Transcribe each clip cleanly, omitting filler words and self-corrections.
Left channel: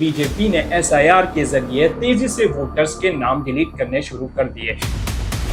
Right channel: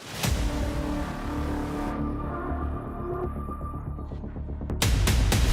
BJP ने SIR के जरिए तेजी से वोटर्स के नाम डिलीट करने शुरू कर दिए।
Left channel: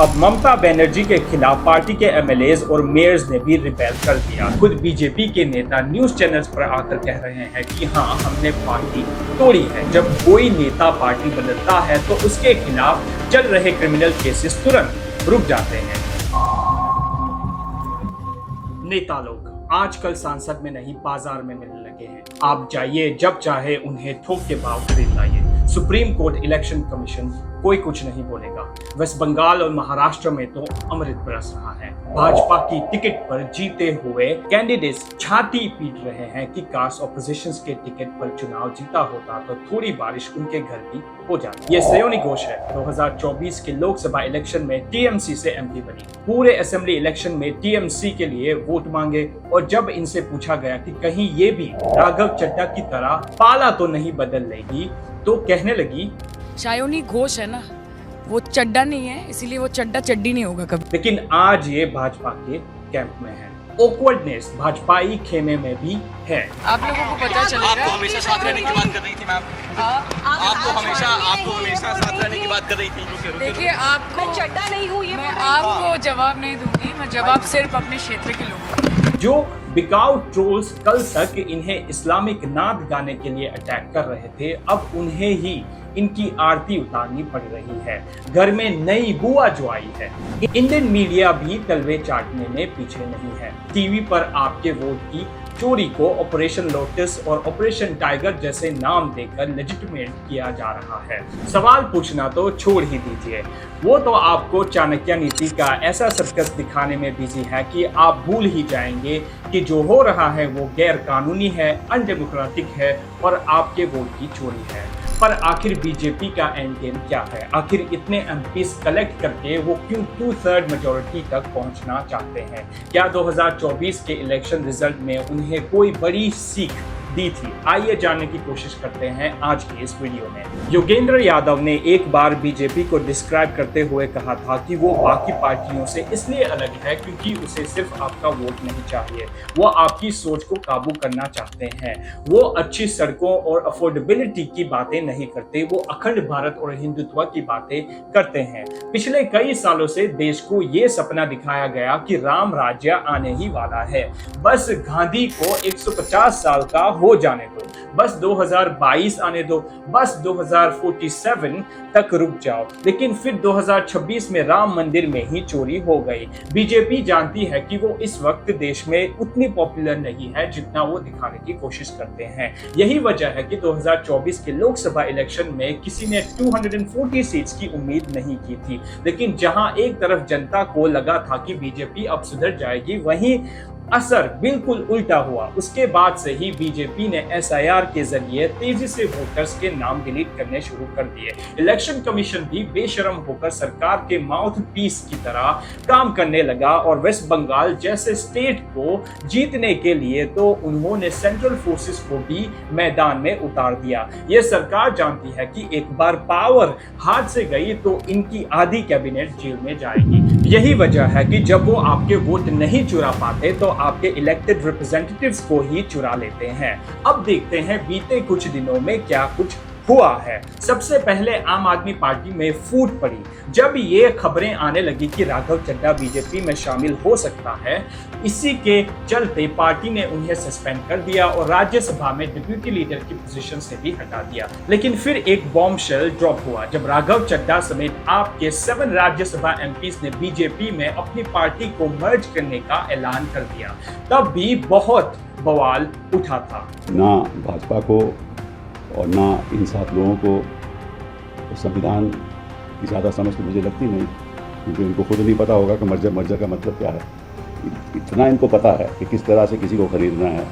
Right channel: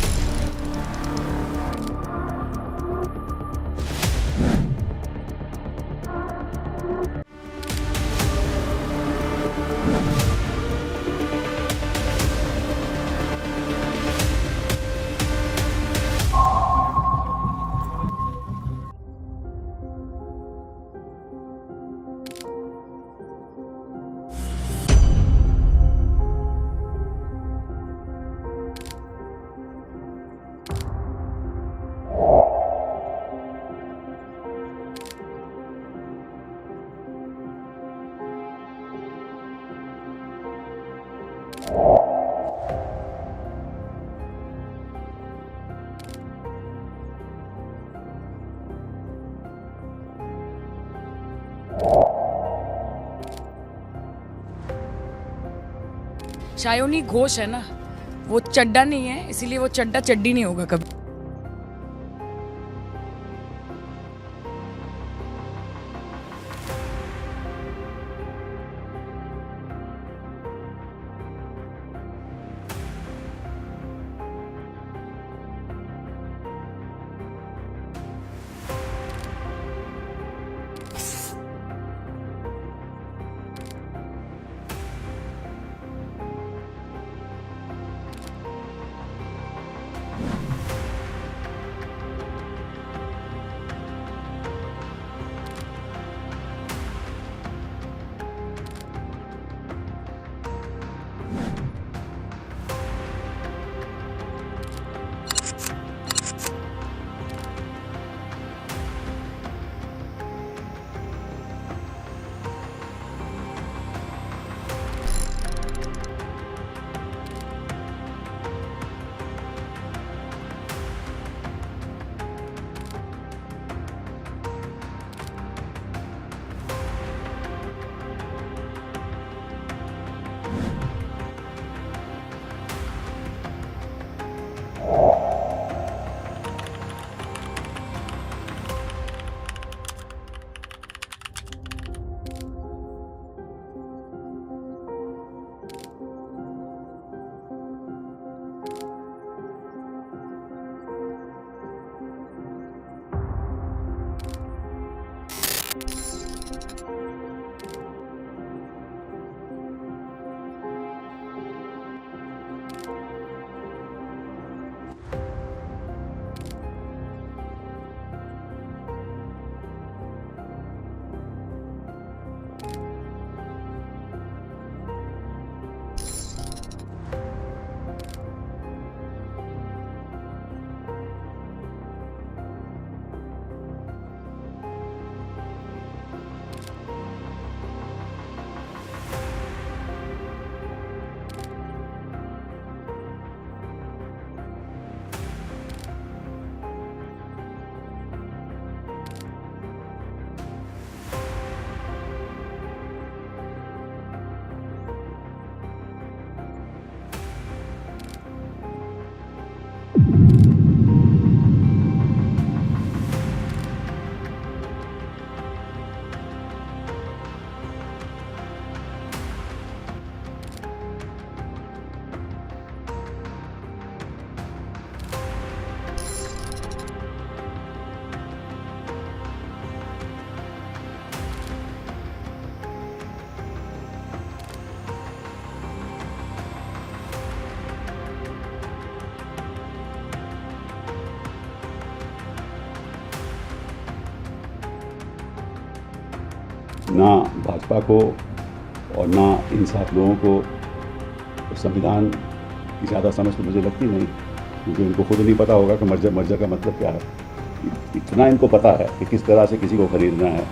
अब ममता बनर्जी के खिलाफ पार्टी के एमएलएज और मेयर्स ने भी रिपेल कर दिया। खुद बीजेपी के नेता न्यूज चैनल्स पर आकर कह रहे हैं कि हाँ, हमने पार्टी तोड़ी है। जब कोई नेता पार्टी बदलता है तो उसके खिलाफ चल रहे क्रिमिनल केसेस तुरंत रुक जाते हैं। नेता लोग आजकल सांसद में नहीं, बाजार में मिलने लगे हैं। आप जाइए, जब चाहे उन्हें थोक के भाव खरीद लाइए। सुप्रीम कोर्ट, इलेक्शन कमीशन कोई कुछ नहीं बोलेगा। वेस्ट बंगाल और महाराष्ट्र में तो अमृत बरस रहा है। भाजपा की टिकट पर जीते हुए कैंडिडेट्स छाती पीट रहे हैं कि काश ऑपोजिशन के टिकट पर चुनाव जीता होता तो थोड़ी बारिश उनके घर भी हो जाती। ये श्रेयोनी घोष है। 2024 के लोकसभा इलेक्शन में टीएमसी से एमपी बनी। पूरे असेंबली इलेक्शन में टीएमसी के लिए वोट मांगे और जब इनसे पूछा गया कि कहीं ये भी राघव चड्ढा की तरह पाला तो नहीं बदल लेगी, तो कहने लगी श्रेयोनी घोष है ना, वो चड्डा नहीं है, इसीलिए वो चड्डा चड्डी नहीं होगा कभी। लेकिन आज ये भाजपा के कैंप में है। ऑकवर्डनेस भाजपाई खेमे में भी है। आप लोगों को पता चलेगा। आपको हमेशा साथ रहने की बात कर रही थी मैम। आपको हमेशा साथ रहने की बात कर रही थी। देखिए, आपको चड्डा नहीं हूँ, ये मैं आपको जवाब नहीं दूंगी। मैं जवाब सिर्फ अपने क्षेत्र के लोगों को। जो बिकाऊ ट्रोल्स कल तक इन्हें इस्लामिक नाद गाने के लिए अटैक कर रहे थे, अब उन्हें ही इनकी आरती उतारनी पड़ रही है। घर में नई बुआ जो आई है। इंडियन मीडिया भी तलवे चाटने में पीछे नहीं है। टीवी पर आपके वोट की चोरी को ऑपरेशन लोटस और ऑपरेशन टाइगर जैसे नाम देकर लेजिटिमेट किया जा रहा है। सवाल पूछना तो छोड़ ही दीजिए, वो तो आपको चाणक्य नीति का ऐसा सर्कस दिखाने में बिजी है कि आप भूल ही जाएंगे कि जो हो रहा है वो गैर कानूनी है, अनडेमोक्रेटिक है और आपके वोट की चोरी है। पर आखिर बीजेपी का एंड गेम क्या है? आखिर इतने एमपीस कलेक्ट करके वो क्यों 2/3 मेजोरिटी तक पहुंचना चाहते हैं? क्या 2024 के इलेक्शन रिजल्ट में उन्हें कोई बड़ी सीख दी थी? आइए जानने की कोशिश करते हैं आज की इस वीडियो में। योगेंद्र यादव ने एक बार बीजेपी को डिस्क्राइब करते हुए कहा था कि वो बाकी पार्टियों से इसलिए अलग है क्योंकि उसे सिर्फ आपका वोट नहीं चाहिए, वो आपकी सोच को काबू करना चाहते हैं। वो अच्छी सड़कों और अफोर्डेबिलिटी की बातें नहीं करते, वो अखंड भारत और हिंदुत्व की बातें करते हैं। पिछले कई सालों से देश को ये सपना दिखाया गया कि राम राज्य आने ही वाला है। बस गांधी को 150 साल का हो जाने दो, बस 2022 आने दो, बस 2047 तक रुक जाओ। लेकिन फिर 2026 में राम मंदिर में ही चोरी हो गई। बीजेपी जानती है कि वो इस वक्त देश में उतनी पॉपुलर नहीं है जितना वो दिखाने की कोशिश करते हैं। यही वजह है कि 2024 के लोकसभा इलेक्शन में किसी ने 240 सीट्स की उम्मीद नहीं की थी। लेकिन जहां एक तरफ जनता को लगा था कि बीजेपी अब सुधर जाएगी, वहीं असर बिल्कुल उल्टा हुआ। उसके बाद से ही बीजेपी ने एसआईआर के जरिए तेजी से वोटर्स के नाम डिलीट करने शुरू कर दिए। इलेक्शन कमीशन भी बेशर्म होकर सरकार के माउथ पीस की तरह काम करने लगा और वेस्ट बंगाल जैसे स्टेट को जीतने के लिए तो उन्होंने सेंट्रल फोर्सेस को भी मैदान में उतार दिया। ये सरकार जानती है कि एक बार पावर हाथ से गई तो इनकी आधी कैबिनेट जेल में जाएगी। यही वजह है कि जब वो आपके वोट नहीं चुरा पाते तो आपके इलेक्टेड रिप्रेजेंटेटिव्स को ही चुरा लेते हैं। अब देखते हैं बीते कुछ दिनों में क्या कुछ हुआ है। सबसे पहले आम आदमी पार्टी में फूट पड़ी जब ये खबरें आने लगी कि राघव चड्ढा बीजेपी में शामिल हो सकता है। इसी के चलते पार्टी ने उन्हें सस्पेंड कर दिया और राज्यसभा में डिप्यूटी लीडर की पोजीशन से भी हटा दिया। लेकिन फिर एक बॉम्बशेल ड्रॉप हुआ जब राघव चड्ढा समेत आपके 7 राज्यसभा एमपीस ने बीजेपी में अपनी पार्टी को मर्ज करने का ऐलान कर दिया। तब भी बहुत बवाल उठा था। ना भाजपा को और ना इन 7 लोगों को संविधान की ज़्यादा समझ तो मुझे लगती नहीं, क्योंकि इनको खुद नहीं पता होगा कि मर्जर का मतलब क्या है। इतना इनको पता है कि किस तरह से किसी को खरीदना है,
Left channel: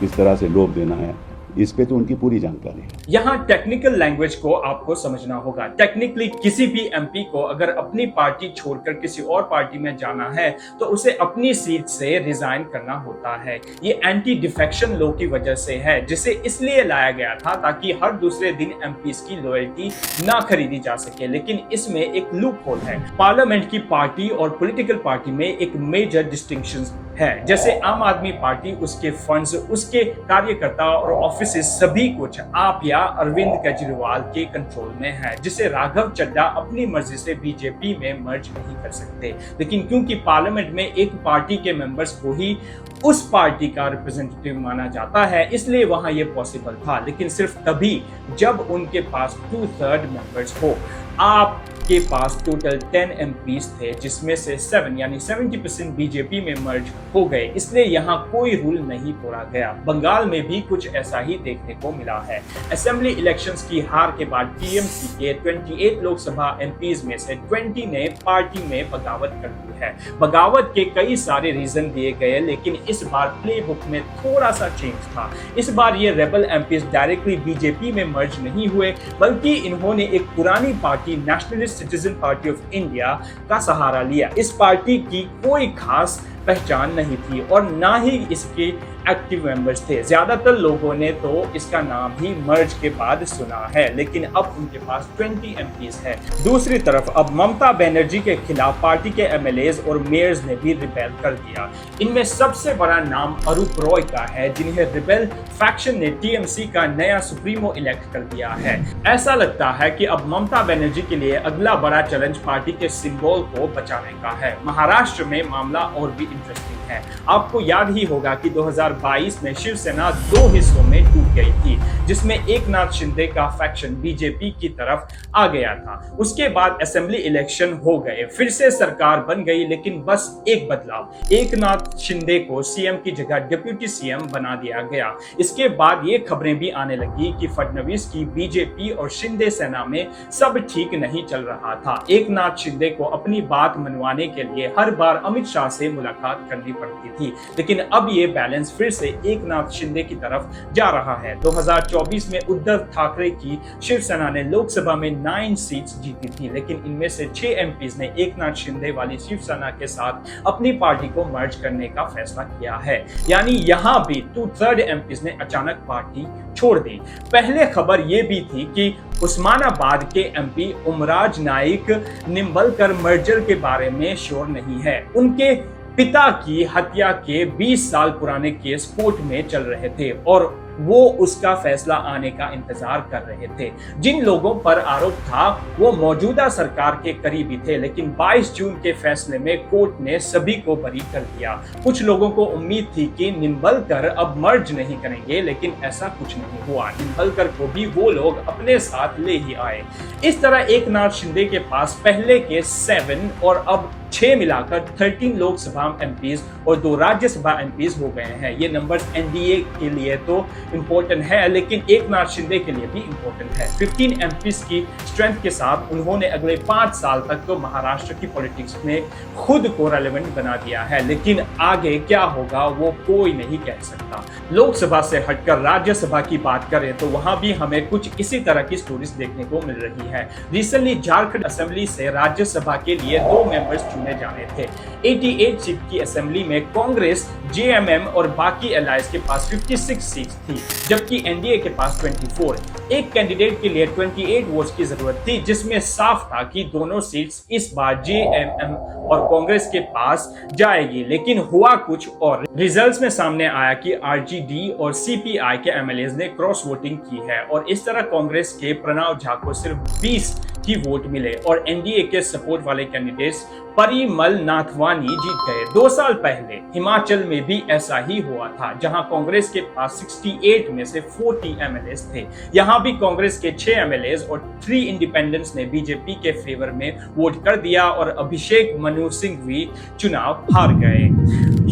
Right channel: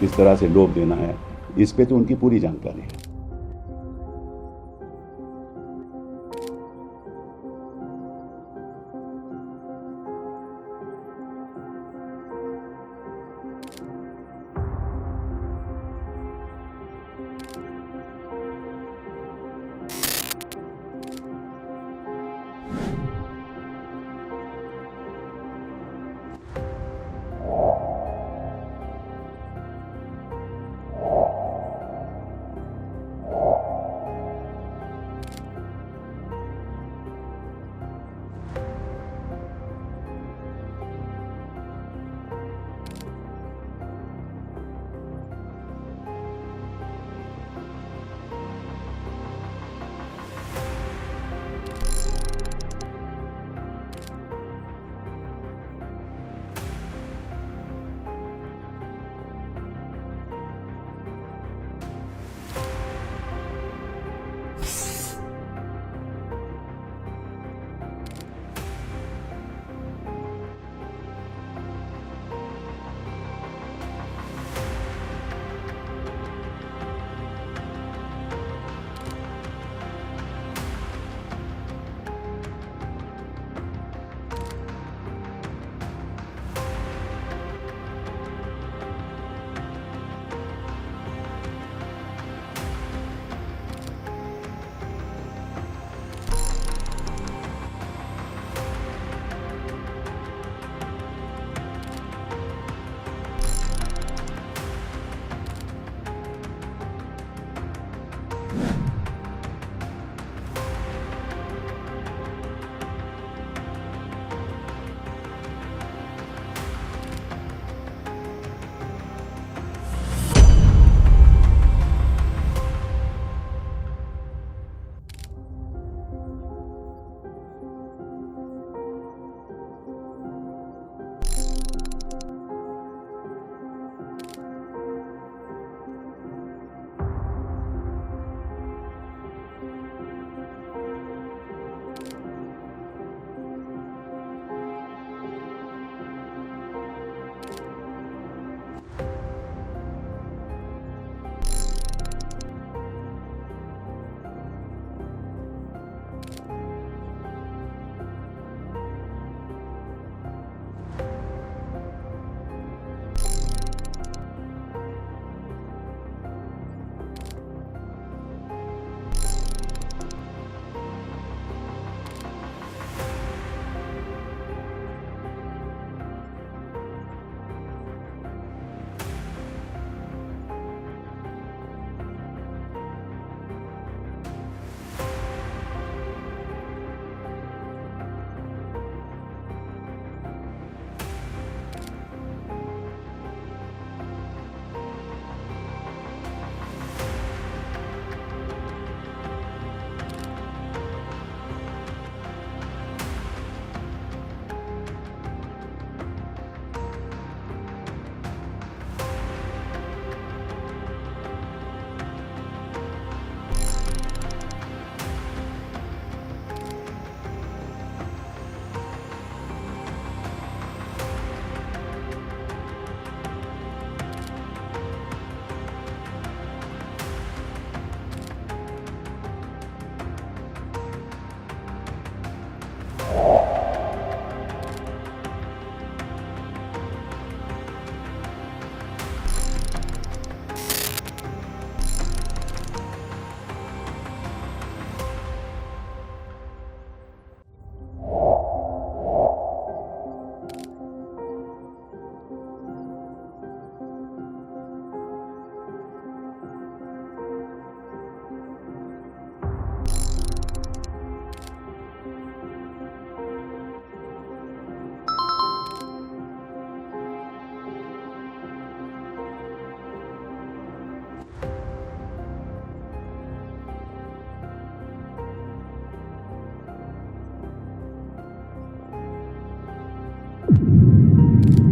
किस तरह से लोभ देना है, इस पे तो उनकी पूरी जानकारी है। यहाँ टेक्निकल लैंग्वेज को आपको समझना होगा। टेक्निकली किसी भी एमपी को अगर अपनी पार्टी छोड़कर किसी और पार्टी में जाना है तो उसे अपनी सीट से रिजाइन करना होता है। ये एंटी डिफेक्शन लॉ की वजह से है, जिसे इसलिए लाया गया था ताकि हर दूसरे दिन एमपीस की लॉयल्टी ना खरीदी जा सके। लेकिन इसमें एक लूप होल है। पार्लियामेंट की पार्टी और पॉलिटिकल पार्टी में एक मेजर डिस्टिंक्शन है। जैसे आम आदमी पार्टी, उसके फंड्स, उसके कार्यकर्ता और ऑफिसेस सभी कुछ आप या अरविंद केजरीवाल के कंट्रोल में है, जिसे राघव चड्ढा अपनी मर्जी से बीजेपी में मर्ज नहीं कर सकते। लेकिन क्योंकि पार्लियामेंट में एक पार्टी के मेंबर्स को ही उस पार्टी का रिप्रेजेंटेटिव माना जाता है, इसलिए वहां ये पॉसिबल था, लेकिन सिर्फ तभी जब उनके पास 2/3 मेंबर्स हो। आपके पास टोटल 10 एमपीज थे, जिसमें से 7 यानी 70% बीजेपी में मर्ज हो गए, इसलिए यहाँ कोई रूल नहीं तोड़ा गया। बंगाल में भी कुछ ऐसा ही देखने को मिला है। असेंबली इलेक्शंस की हार के बाद टीएमसी के 28 लोकसभा एमपीज में से 20 ने पार्टी में बगावत कर दी है। बगावत के कई सारे रीजन दिए गए, लेकिन इस बार प्ले बुक में थोड़ा सा चेंज था। इस बार ये रेबल एमपीज डायरेक्टली बीजेपी में मर्ज नहीं हुए, बल्कि इन्होंने एक पुरानी party nationalist citizen party of India का सहारा लिया। इस पार्टी की कोई खास पहचान नहीं थी और ना ही इसके एक्टिव मेंबर्स थे। ज्यादातर लोगों ने तो इसका नाम ही मर्ज के बाद सुना है, लेकिन अब उनके पास 20 एमपीज है। दूसरी तरफ अब ममता बनर्जी के खिलाफ पार्टी के एमएलएज और मेयर्स ने भी रिबेल कर दिया। इनमें सबसे बड़ा नाम अरूप रॉय का है, जिन्हें रिबेल फैक्शन ने टीएमसी का नया सुप्रीमो इलेक्ट कर दिया है। ऐसा लगता है कि अब ममता बनर्जी के लिए अगला बड़ा चैलेंज पार्टी के सिंबल को बचाने का है। महाराष्ट्र में मामला और भी इंटरेस्टिंग है। आपको याद ही होगा कि 2022 में शिवसेना 2 हिस्सों में टूट गई थी, जिसमें एकनाथ शिंदे का फैक्शन बीजेपी की तरफ आ गया था। उसके बाद असेंबली इलेक्शन हो गए, फिर से सरकार बन गई, लेकिन बस एक बदलाव, एकनाथ शिंदे को सीएम की जगह डिप्टी सीएम बना दिया गया। इसके बाद ये खबरें भी आने लगी कि फडणवीस की बीजेपी और शिंदे सेना में सब ठीक नहीं चल रहा था। एकनाथ शिंदे को अपनी बात मनवाने के लिए हर बार अमित शाह से मुलाकात करनी पड़ती थी, लेकिन अब ये बैलेंस फिर से एकनाथ शिंदे की तरफ जा रहा है। 2024 में उद्धव ठाकरे की शिवसेना ने लोकसभा में 9 सीट्स जीती थी, लेकिन इनमें से 6 एमपीज ने एकनाथ शिंदे वाली शिवसेना के साथ अपनी पार्टी को मर्ज करने का फैसला किया है। यानी यहाँ भी 2/3 एमपीज ने अचानक पार्टी छोड़ दी। पहले खबर ये भी थी कि उस्मानाबाद के एमपी उमराज नाइक निम्बलकर मर्जर के बारे में श्योर नहीं है। उनके पिता की हत्या के 20 साल पुराने केस कोर्ट में चल रहे थे और वो उसका फैसला आने का इंतजार कर रहे थे। जिन लोगों पर आरोप था वो मौजूदा सरकार के करीबी थे, लेकिन 22 जून के फैसले में कोर्ट ने सभी को बरी कर दिया। कुछ लोगों को उम्मीद थी कि निम्बलकर अब मर्ज नहीं करेंगे, लेकिन ऐसा कुछ नहीं हुआ। निम्बलकर को भी वो लोग अपने साथ ले ही आए। इस तरह एकनाथ शिंदे के पास पहले के 7 और अब 6 मिलाकर 13 लोकसभा एमपीज और 2 राज्यसभा एमपीज हो गए हैं। ये नंबर्स एनडीए के लिए तो इंपॉर्टेंट है, लेकिन एकनाथ शिंदे के लिए भी इंपॉर्टेंट है। 15 एमपीज की स्ट्रेंथ के साथ उन्होंने अगले 5 साल तक तो महाराष्ट्र की पॉलिटिक्स में खुद को रेलेवेंट बना दिया है, लेकिन आगे क्या होगा वो कोई नहीं कह सकता। लोकसभा से हटकर राज्यसभा की बात करें तो वहां भी हमें कुछ इसी तरह की स्टोरीज देखने को मिल रही है। रिसेंटली झारखंड असेंबली से राज्यसभा के लिए 2 मेंबर्स चुने जाने थे। 88 सीट की असेंबली में कांग्रेस, जेएमएम और बाकी एलायंस के पास 56 सीट्स थी, जबकि एनडीए के पास 24। एक कैंडिडेट के लिए 28 वोट्स की जरूरत थी, जिसमें साफ था कि दोनों सीट्स इस बार जेएमएम और कांग्रेस के पास जाएगी, लेकिन हुआ कुछ और। रिजल्ट्स में सामने आया कि आरजेडी और सीपीआई के एमएलएज ने क्रॉस वोटिंग की है और इस तरह कांग्रेस के प्रणव झा को सिर्फ 20 की वोट मिले और एनडीए के सपोर्ट वाले कैंडिडेट्स परिमल नाथवानी जीत गए। 2 साल पहले हिमाचल में भी ऐसा ही हुआ था, जहां कांग्रेस के पास 68 में से 40 एमएलएज थे। यहां भी कांग्रेस के 6 एमएलएज और 3 इंडिपेंडेंट्स ने बीजेपी के फेवर में वोट कर दिया और अभिषेक मनु सिंह भी चुनाव हार गए।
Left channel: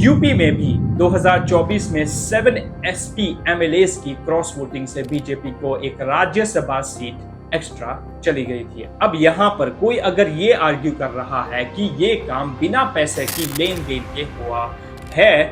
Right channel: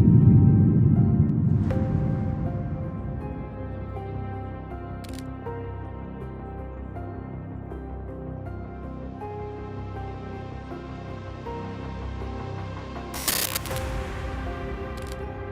यूपी में भी 2024 में 7 एसपी एमएलएज की क्रॉस वोटिंग से बीजेपी को एक राज्यसभा सीट एक्स्ट्रा चली गई थी। अब यहाँ पर कोई अगर ये आर्ग्यू कर रहा है कि ये काम बिना पैसे की लेन देन के हुआ है,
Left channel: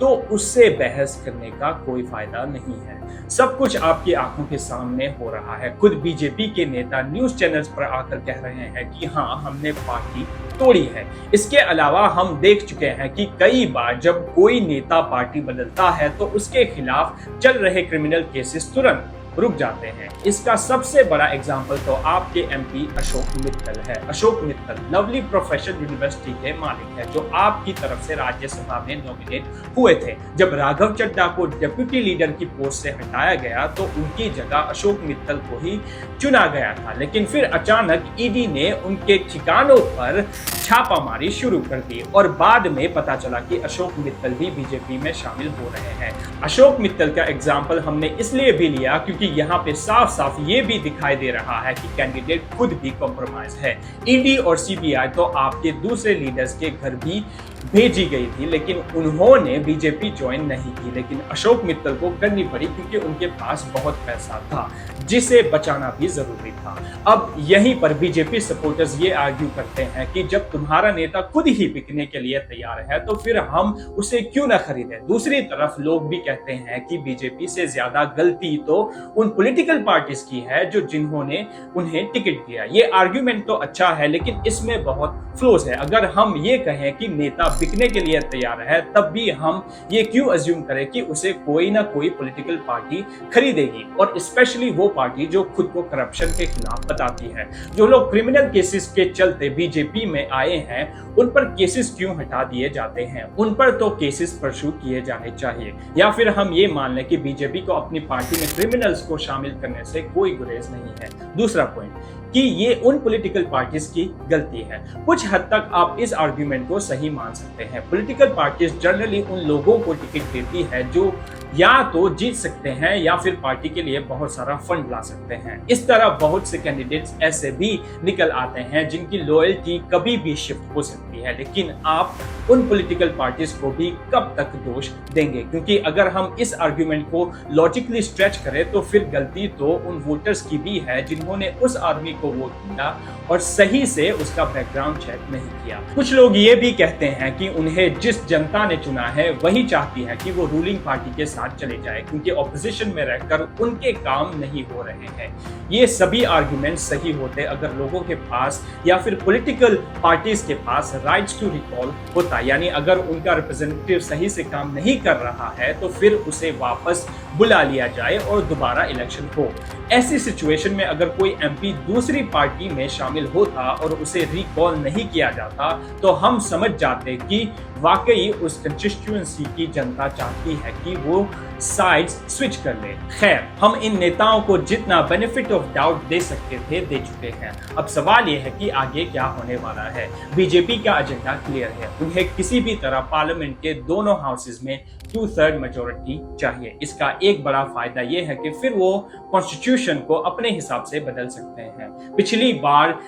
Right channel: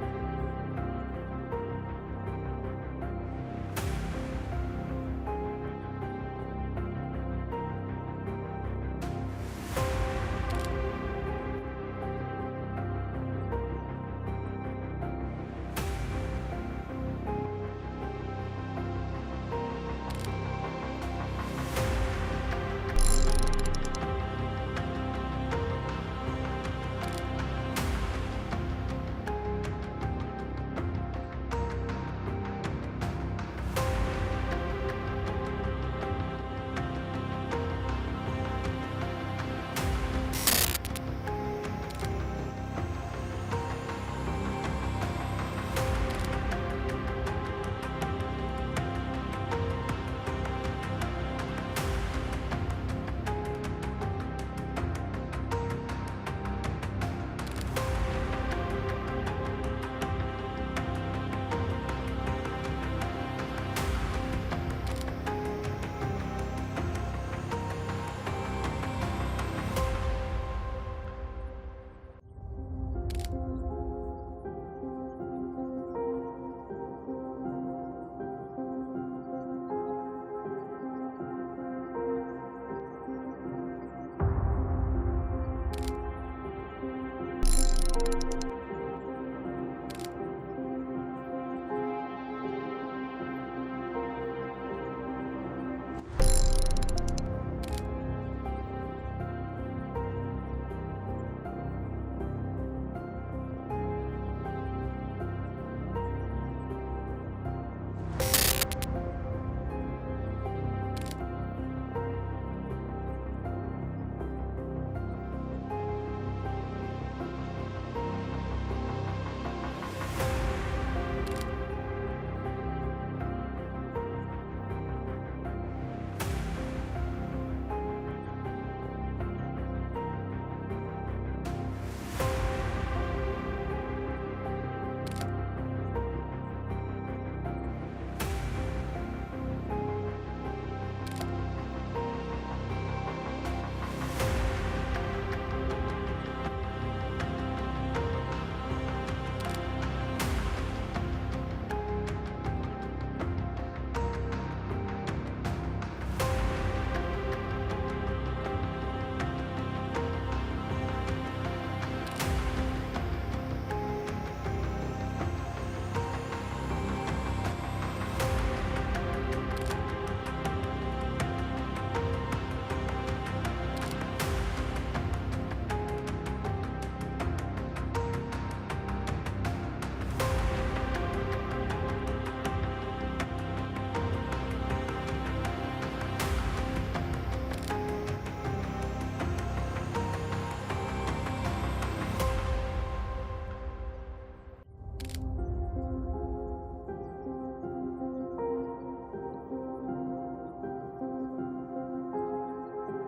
तो उससे बहस करने का कोई फायदा नहीं है। सब कुछ आपकी आंखों के सामने हो रहा है। खुद बीजेपी के नेता न्यूज चैनल्स पर आकर कह रहे हैं कि हाँ, हमने पार्टी तोड़ी है। इसके अलावा हम देख चुके हैं कि कई बार जब कोई नेता पार्टी बदलता है तो उसके खिलाफ चल रहे क्रिमिनल केसेस तुरंत रुक जाते हैं। इसका सबसे बड़ा एग्जाम्पल तो आपके एमपी अशोक मित्तल है। Ashok Mittal lovely professional university के मालिक है, जो आपकी तरफ से राज्यसभा में नॉमिनेट हुए थे। जब राघव चड्ढा को डिप्टी लीडर की पोस्ट से हटाया गया तो उनकी जगह अशोक मित्तल को ही चुना गया था, लेकिन फिर अचानक ईडी ने उनके ठिकानों पर छापामारी शुरू कर दी और बाद में पता चला कि अशोक मित्तल भी बीजेपी में शामिल हो रहे हैं। अशोक मित्तल का एग्जाम्पल हमने इसलिए भी लिया क्योंकि यहाँ पे साफ साफ ये भी दिखाई दे रहा है कि कैंडिडेट खुद भी कॉम्प्रोमाइज है। ईडी और सीबीआई तो आपके दूसरे लीडर्स के घर भी भेजी गई थी, लेकिन उन्होंने बीजेपी ज्वाइन नहीं की। लेकिन अशोक मित्तल को करनी पड़ी क्योंकि उनके पास बहुत पैसा था, जिसे बचाना भी जरूरी था। अब यहीं पर बीजेपी सपोर्टर्स ये आर्ग्यू करते हैं कि जब तुम्हारा नेता खुद ही बिकने के लिए तैयार है तो फिर हम उसे क्यों ना खरीदें। दूसरी तरफ लोग भी कहते हैं कि बीजेपी से ज्यादा गलती तो उन पॉलिटिकल पार्टीज की है जो जिन्होंने उन्हें टिकट दिया। ये आर्ग्यूमेंट तो अच्छा है, लेकिन इसमें बहुत फ्लॉज है। अगर हम ये कहें कि नेता बिकने के लिए तैयार है, तब भी हम ये क्यों अज्यूम करें कि उसे कोई ना कोई पॉलिटिकल पार्टी खरीदेगी, और स्पेशली वो पार्टी जो खुद को करप्शन के खिलाफ बताती है। जो लोग क्रिमिनल केसेस के चलते बीजेपी में आए हैं, उन पर केसेस क्यों हटा दिए जाते हैं? उन पर तो केसेस परस्यू किए जाने चाहिए, या फिर हम ये मान लें कि बीजेपी को अपनी पार्टी में क्रिमिनल्स को शामिल करने से कोई गुरेज नहीं है। दूसरा पॉइंट कि ये उन पॉलिटिकल पार्टीज की गलती है। कुछ हद तक आप इस आर्ग्यूमेंट को सही मान सकते हैं। पॉलिटिकल पार्टीज जनरली उन लोगों को टिकट देती है जो या तो जीत सकते हैं या फिर पार्टी के लिए बहुत सारा फंड ला सकते हैं। इस तरह बहुत से कैंडिडेट्स ऐसे भी निकल आते हैं जिनकी लॉयल्टी कभी भी शिफ्ट हो सकती है। लेकिन आप उन पॉलिटिकल पार्टीज को भी कब तक दोष देंगे? क्योंकि अगर हम इस आर्ग्यूमेंट को लॉजिकली स्ट्रेच करें तो फिर गलती तो उन वोटर्स की भी है जिन्होंने उस आदमी को वोट दिया और सही से उसका बैकग्राउंड चेक नहीं किया। कुछ लोग ये भी कहते हैं कि उन्हें जिस जनता ने चुना है वही चाहती है कि वो रूलिंग पार्टी के साथ चले जाए, क्योंकि ऑपोजिशन में रहकर उनके काम नहीं हो रहे हैं। ये सभी आर्गुमेंट सही होते अगर लोगों के पास या फिर पॉलिटिकल पार्टीज के पास राइट्स टू रिकॉल होता, यानी अगर उनका रिप्रेजेंटेटिव सही से काम नहीं कर रहा है तो फिर उसे वापस बुला लिया जाए और दोबारा इलेक्शन हो। ऐसी सिचुएशन में अगर कोई एमपी दूसरी पार्टी में शामिल होता और उसे रिकॉल नहीं किया जाता तो हम समझ जाते कि वाकई उस कंस्टिट्यूएंसी की जनता चाहती है कि वो साइड्स स्विच कर ले। खैर, हम इन नेताओं को जितना बेनिफिट ऑफ डाउट दे सकते थे दे चुके हैं। अब सवाल ये है कि आगे क्या होने वाला है। बीजेपी का एजेंडा क्लियर है, उन्हें किसी भी तरह पार्लियामेंट के दोनों हाउसेज में 2/3 मेजोरिटी चाहिए। इसका एक बड़ा फायदा ये है कि फिर वो कॉन्स्टिट्यूशन को अपने हिसाब से बदल सकते हैं। पिछली बार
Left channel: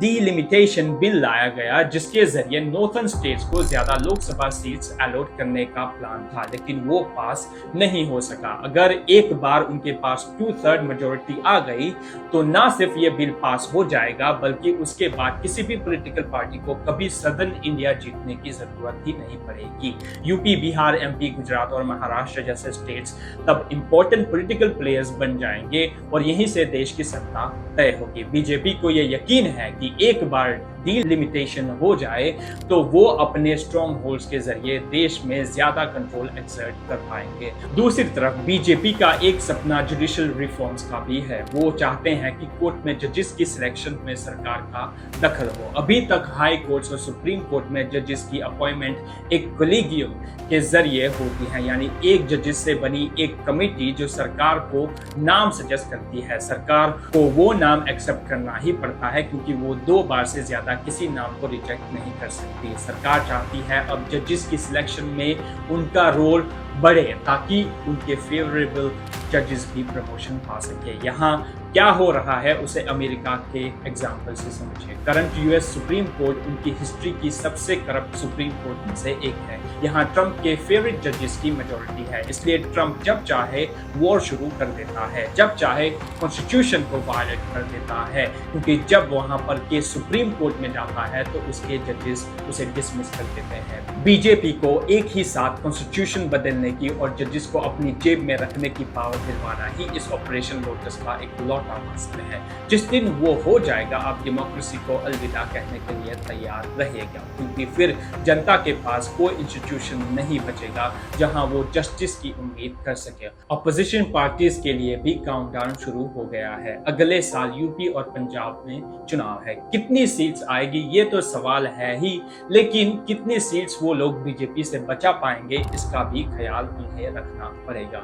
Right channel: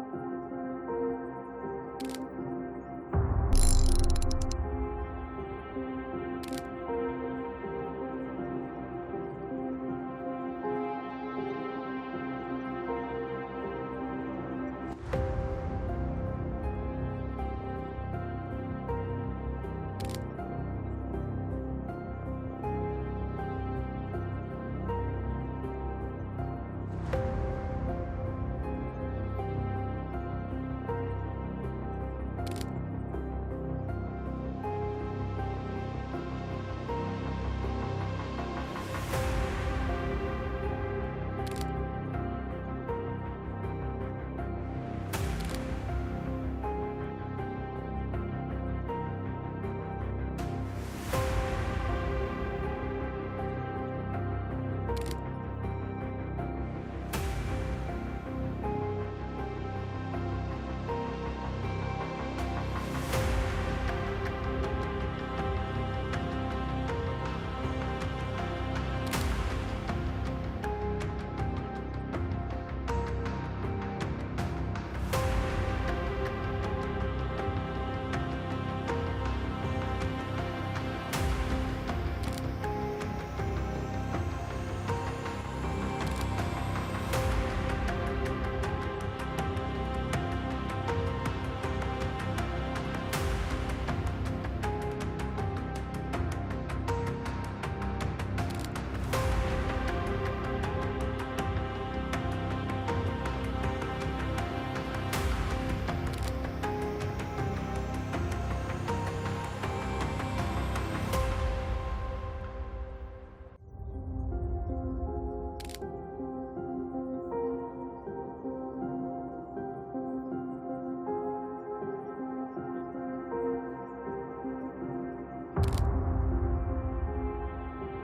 डिलिमिटेशन बिल लाया गया जिसके जरिए नॉर्थर्न स्टेट्स को ज्यादा लोकसभा सीट्स अलॉट करने का प्लान था, लेकिन वो पास नहीं हो सका। अगर एक बार उनके पास 2/3 मेजोरिटी आ गई तो ना सिर्फ ये बिल पास हो जाएगा बल्कि उसके बाद किसी भी पॉलिटिकल पार्टी को कभी सदर्न इंडिया जीतने की जरूरत ही नहीं पड़ेगी। यूपी, बिहार, एमपी, गुजरात और महाराष्ट्र जैसे स्टेट्स तब इंपॉर्टेंट पॉलिटिकल प्लेयर्स बन जाएंगे और यहीं से देश की सत्ता तय होगी। बीजेपी को यह यकीन है कि एक बार डिलिमिटेशन हो जाए तो वो अपने स्ट्रॉन्ग होल्ड्स के जरिए देश में ज्यादा कंट्रोल एक्सर्ट कर पाएंगे। दूसरी तरफ बीजेपी का एक सपना जुडिशियल रिफॉर्म्स का भी है। वो चाहते हैं कि कोर्ट में जजेस की सिलेक्शन में सरकार का दखल हो। अभी तक हाई कोर्ट्स और सुप्रीम कोर्ट में जजेस की अपॉइंटमेंट एक कोलिजियम के जरिए होती है, यानी एक जजेस से बनी एक कमेटी जो सरकार को नाम सजेस्ट करती है। सरकार को वो नाम एक्सेप्ट करना ही पड़ता है क्योंकि वो 2 बार से ज्यादा किसी नाम को रिजेक्ट नहीं कर सकती। सरकार चाहती है अब जजेस की सिलेक्शन में उनका रोल बढ़े ताकि उनके फेवरेबल जजेस भी प्रमोशन पा सके। यहाँ क्या हो रहा है उसे अमेरिका के एग्जाम्पल से समझिए। करंट यूएस सुप्रीम कोर्ट उनकी हिस्ट्री की सबसे करप्ट सुप्रीम कोर्ट में से एक है। यहाँ ट्रंप के फेवरेट जजेस की मेजोरिटी है, इसलिए ट्रंप जब चाहे वॉर शुरू कर देता है, जब चाहे कॉन्स्टिट्यूशन को वायलेट कर देता है, क्योंकि जब वहाँ पर केस सुप्रीम कोर्ट में जाता है तो उसके जजेस उसे डिसमिस कर देते हैं। बीजेपी को एक ही साथ कॉन्स्टिट्यूशन बदलने की और जजेस को अपनी जेब में रखने की पावर दिलवाना ही इस ऑपरेशन लोटस का एक लौटा मसला है। जिस दिन वो हो जाएगा, आप डेमोक्रेसी को अलविदा कहने के लिए तैयार रहिएगा, क्योंकि फिर जनता के पास कोई इंस्टीट्यूशन नहीं बचेगा जहां वो जस्टिस की उम्मीद कर सके। अपोजिशन पार्टीज के लिए भी काउंटडाउन शुरू हो गया है। अगले साल यूपी और पंजाब में चुनाव है। कितनी सीट्स आएगी ये तो सवाल है ही, लेकिन कितनी सीट्स वो लोग बीजेपी से बचा पाएंगे इसका भी ख्याल उन्हें रखना पड़ेगा।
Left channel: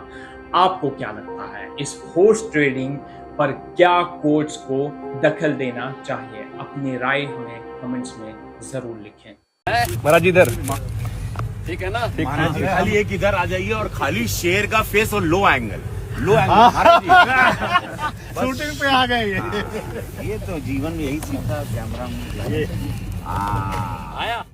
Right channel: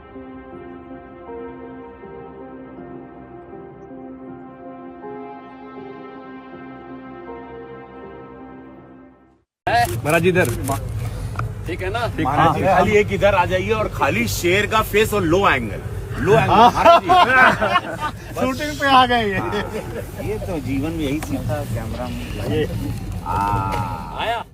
आपको क्या लगता है, इस हॉर्स ट्रेडिंग पर क्या कोर्ट्स को दखल देना चाहिए? अपनी राय हमें कमेंट्स में जरूर लिखें। महाराज इधर ठीक है ना? महाराज जी खाली एक इधर आ जाइए और खाली शेर का फेस और लो एंगल महाराज जी शूटिंग पे आ गए ये तो जीवन में यही सीखा कैमरा में आया